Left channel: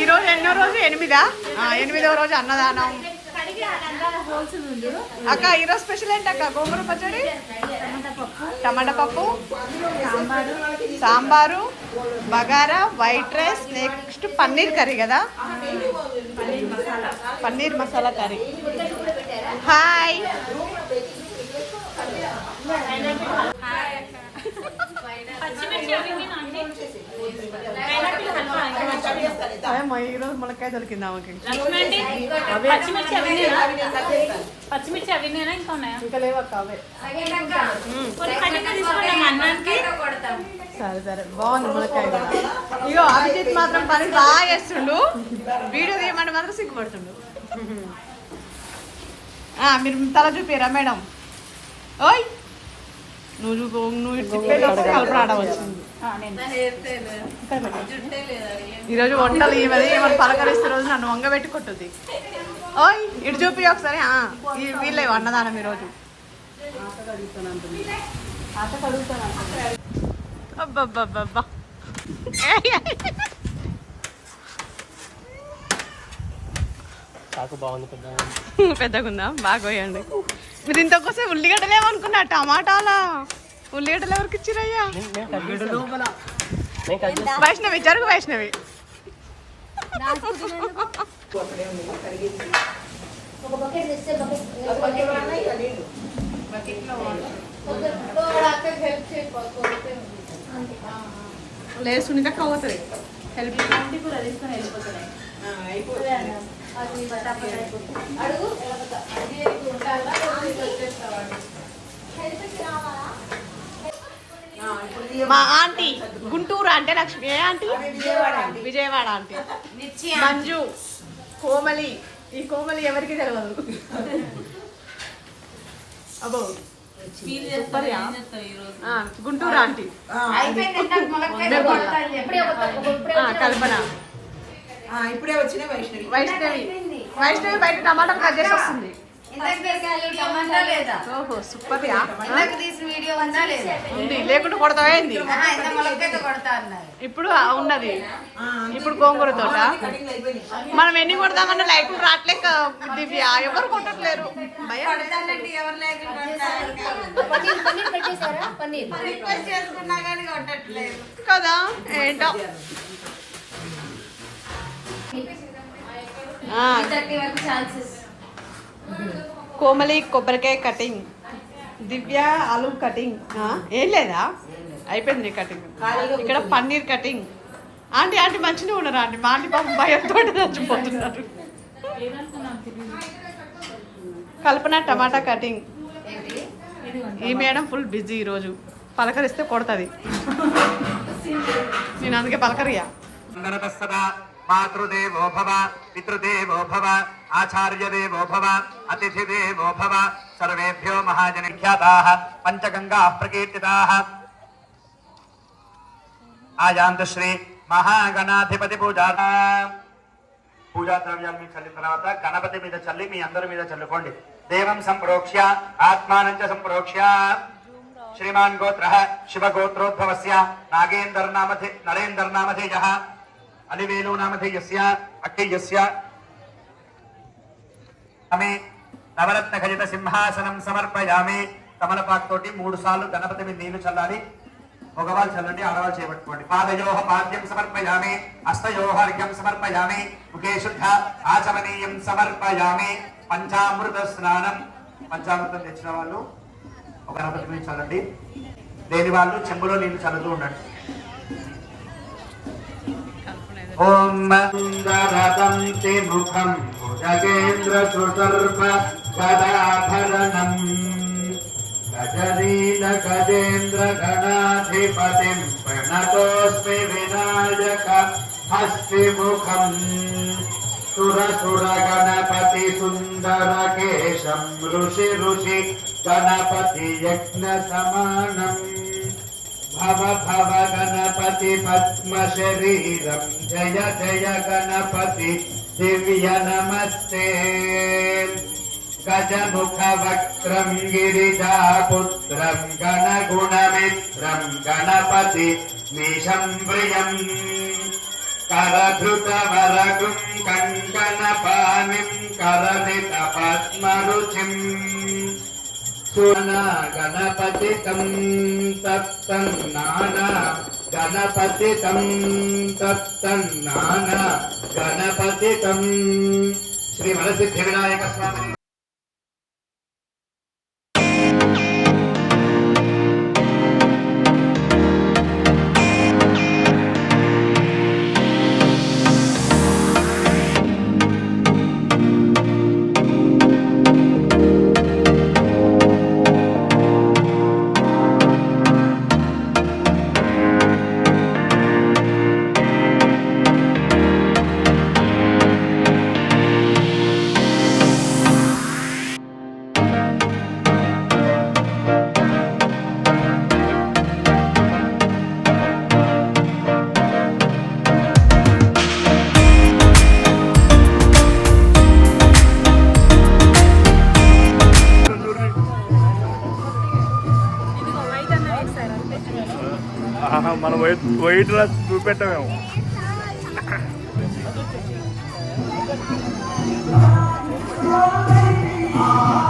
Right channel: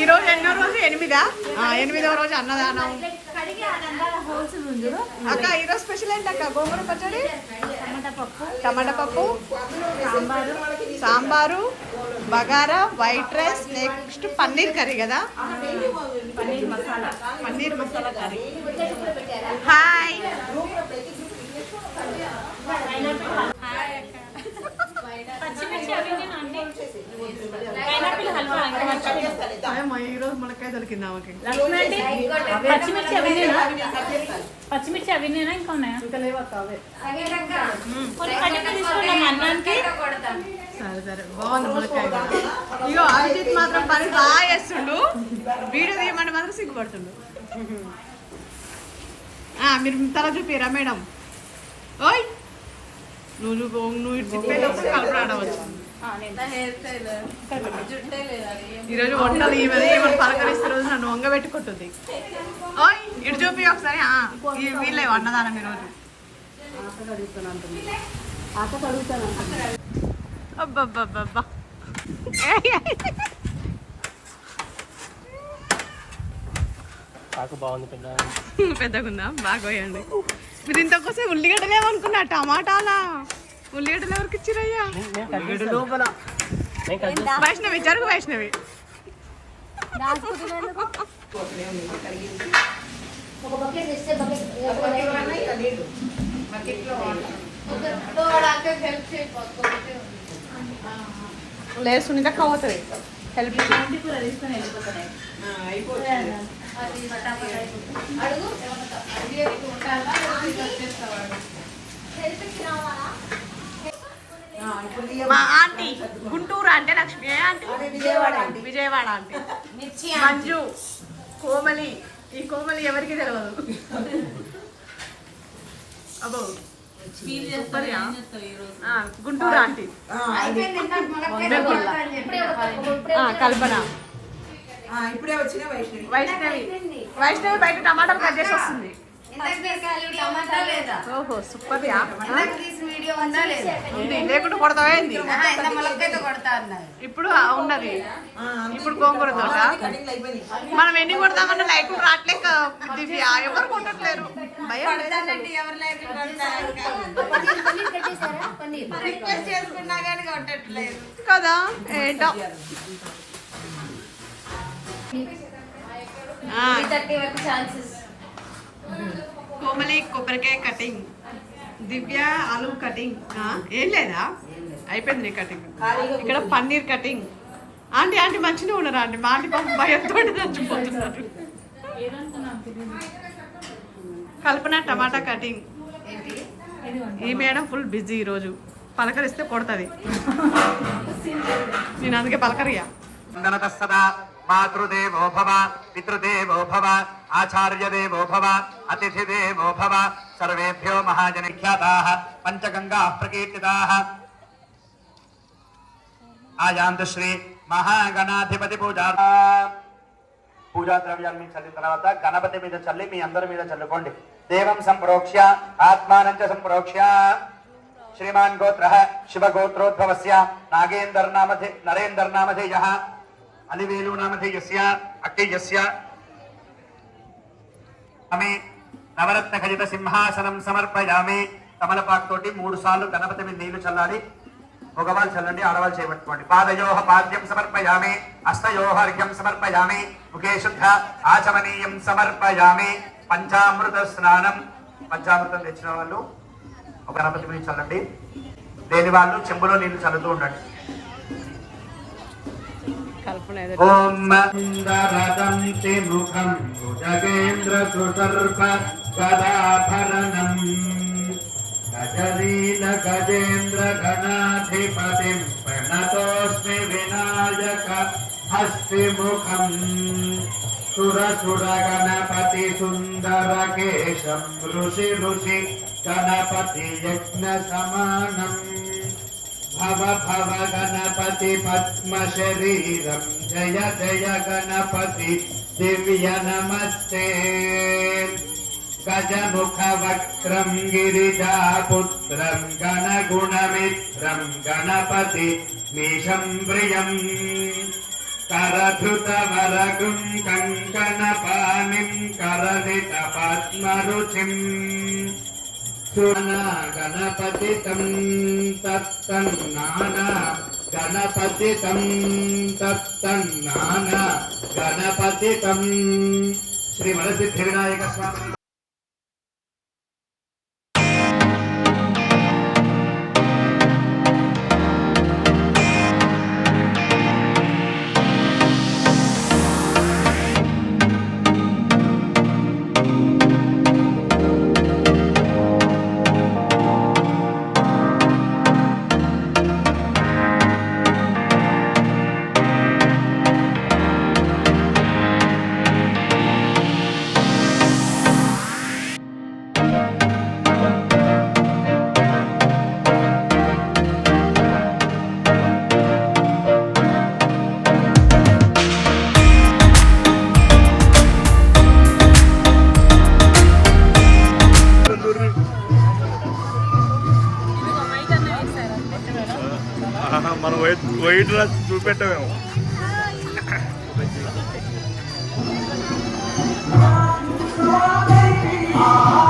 ఈరోజు ఎన్నో రోజు? ఎనిమిదా? ఎనిమిదో రోజు అన్నదానం. అక్క ఈరోజు స్పెషల్ ఏంటి అక్క గోంగూర పచ్చడి? టమాటా పప్పు. Sambar bagara white rice next paneer curry కదా? పన్నీర్ మసాలా కర్రీ. హాయ్. అయ్యమ్మ ఈరోజు మునక్కాయ దొరికింది ఆమెకి. పచ్చిమిర్చి అవి ఇంకా లేవక్క అవే. సరే సరే. బాగుంది మునక్కాయ కూడా. ఇగో అభిజిత్ మాత్రం పని బాగా చేస్తుండు. వీడియో తీయమంటే మాత్రం సిగ్గుపడుతుండు. ఆ, మీరు తల చూపిరా మేడం? ఓయ్! నువ్వు చూపు నువ్వు ఇటు తిప్పేలోపు కలపడ ఆడవచ్చు ఈరోజు వంటలు ఈమెది ఏమని పలకరిస్తే రోజు నన్ను వంగబెట్టి కొట్టుద్ది ఓయ్ ఇటు చూపి ఒకసారి వీళ్ళే అన్నదానం ఈరోజు. అబ్బబ్బబ్బబ్బా. బాగుంది పెద్ద పెద్దగుందా? బాగా పోయండి మీరు ఇంతకోసం ఉల్లిగడ్డలు ఏమనుకున్నా టమాటాలా? ఉల్లిగడ్డలు ఎవరికి ఇచ్చిరయ్యా? వైష్ణవి జరుగు వైష్ణవి. ఒక బకెట్ తెస్తే బకెట్ లేదు సునీత అవుతుంది మా ఆంటీ గుంటూరు అంటే లక్ష్మి ఏ ఆంటీ? విజయవాడ విజయవాడ ఆంటీ. మంజు కోమలి. ఈ కోమలి ఎవరికి తెలియదు అబ్బో? ఆ, గుంటూరు ఆంటీ. కల్పన. ఇప్పుడే వచ్చిన వైష్ణవి. వైష్ణవి. వైష్ణవి బయట టమాటాలు కట్ చేసి వస్తుంది. ఓహో సూపర్ వీడియో ఉందా లేదా? మొలకైతే కొడతా అన్నారు. ఇప్పుడు ఉన్నది. ఇప్పుడు గోంగూర తోట. మనం ఎన్ని కొడదామన్నా లైకులు రావట్లేక దివ్య. ఎవరు కొట్టట్లేరు? లేకుండా కదా? ఏంటో? ఆ, థర్టీ వరకు ఛాన్సెస్. కోమలి కొబ్బరికాయ కటింగ్. దివ్య ఆలు కటింగ్. ఆ, ఏం లేదా? అయిపోయింది నీ కటింగ్. ఇక్కడ పన్నీర్ కటింగ్. ఆంటీ ఆంటీ మంచిగా ఉన్నారు ఆంటీ? మా ఆంటీ పాపం భయంతో చచ్చిపోతున్నారు. Kalpana tomato cutting. ఈ మేడం ఫుల్ బిజీ ఈరోజు. పలకరిస్తే కొడుతుంది. నేను అందుకే పలకరియా. మాతృదేవో భవ పితృదేవో భవ ఆచార్యదేవో భవ అతిథిదేవో భవ సర్వేభ్యో మహాజనఖ్యాతాః పంచగంగాः ప్రకీర్తితాः ఆయాంతు శ్రీ మహాగణాధిపతి పూజా పూజా ద్రవ్యాన్ని చల్లిన తర్వాత గణపతి మీద చల్లి మీ అందరి మీద చల్లుకోండి. దేవం సంప్రోక్ష్య ఆత్మానం చ సంప్రోక్ష్య. శ్రీమాన్ గోత్ర శివగోత్రోద్భవస్య నాగేందర్ నామధే నరేందర్ నామధేయ అలివేలు నామధేయస్య అక్కయ్యస్య ఆమె నవరత్న ఖజిత సింహాసనం సమర్పయామి. తమలపాకు తోటి మూడు సార్లు గణపతి మీద నీళ్ళు చల్లాలి. మగవాళ్ళు చల్లండి ఆడవాళ్ళు చేపట్టుకోండి. పాదయోహ పాద్యం సమర్పయామి అస్తయోహ సమర్పయామి ముఖే శుద్ధ ఆచమనీయం సమర్పయామి. పంచామృత స్నానం. పంచామృతం తెచ్చిన వాళ్ళు ఒక గణపతి మీద చల్లండి. లేని వాళ్ళు చెంబులో నీళ్ళు చల్లుతూ ఉండండి. ఓం మందరదంతి ముఖం భుజగేంద్ర సుసర్ప గదాభరణం గజనీల గజేంద్ర గణాధిపతిం ప్రణతోస్మి వినాయక హస్తిముఖం. సుర సుర గణపతి సుందర కేశం ఋషి ఋషి గణపతి యజ్ఞ సమానం భవ భవ గణపతి పద్మ శరీరం गज मुख वक्रम गिरीजा पुत्र गण गुण मित्र गणपति निशं कंकन पानी कङ्कणपाणिं करदितपद्मरुचिम् सुना गणपति तम तत्ना गणपति तम गणपतितं तत्तन्नाना गणपतितं। तत्तन्नाना गणपतितम् स्वामी వైట్ రాసి రా చూపెట్టమేమో. Thank